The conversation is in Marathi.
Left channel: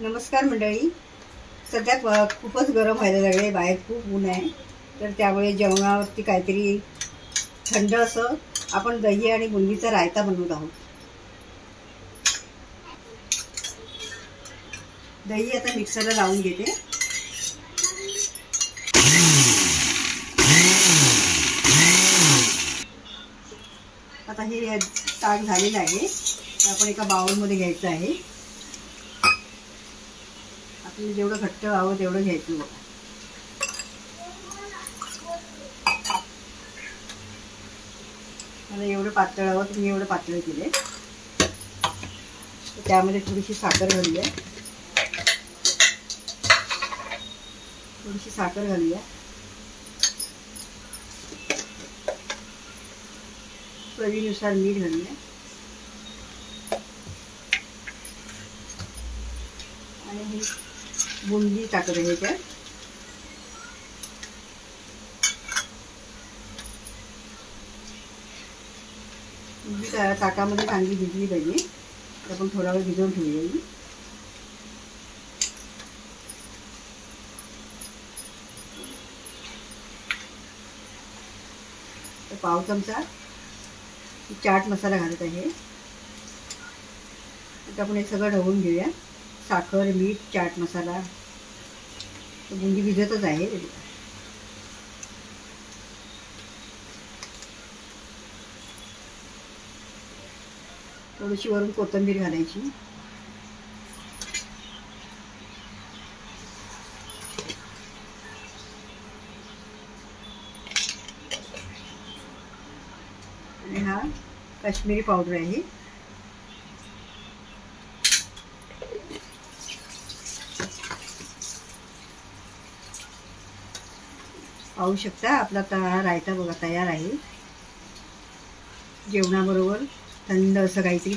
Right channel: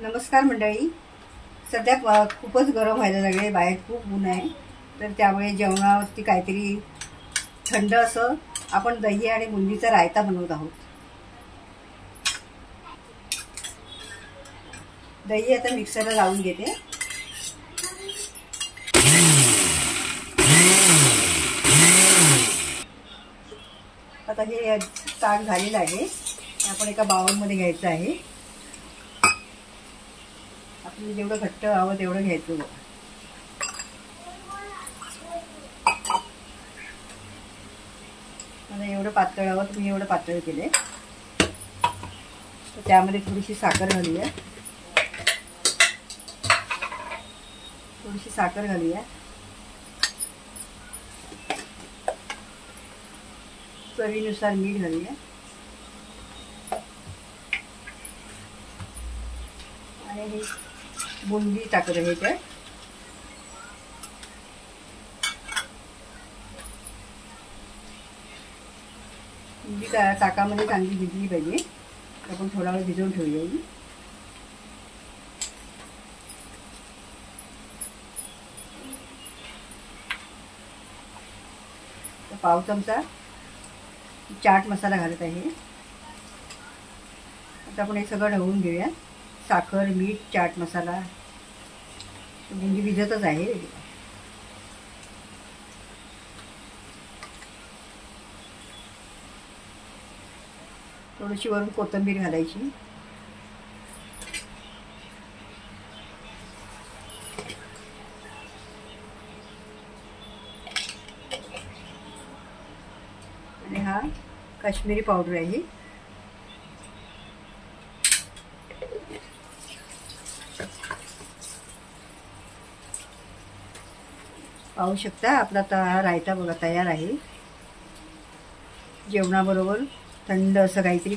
नमस्कार मंडळी. सध्या खूपच गरम व्हायला लागले, बाहेर खूप ऊन आहे. तर त्यामुळे जेवणावरती काहीतरी थंड असं आपण दही आणि बुंदीचा रायता बनवत आहोत. दही आता मिक्सरला लावून घेते. आता हे ताक झालेलं आहे. आपण एका बाउलमध्ये घ्यायचं आहे. आपल्याला जेवढं घट्ट हवं तेवढं घ्यायचं बघा. मला एवढं पातळ हवं, तुम्ही एवढं पातळ केले. त्यामध्ये थोडीशी साखर घालूया. चवीनुसार मीठ घालूया आणि ही बुंदी टाकत आहे. त्यात बुंदी ताकामध्ये चांगली भिजली पाहिजे. आपण थोडा वेळ भिजवून ठेवूया. पाव चमचा चाट मसाला घालत आहे. आता आपण हे सगळं ढवळून घेऊया. साखर, मीठ, चाट मसाला, बुंदी भिजतच आहे. थोडीशी वरून कोथिंबीर घालायची. आणि हा काश्मीरी पावडर आहे. पाहू शकता आपला रायता बघा तयार आहे. जेवणाबरोबर थंड असं काहीतरी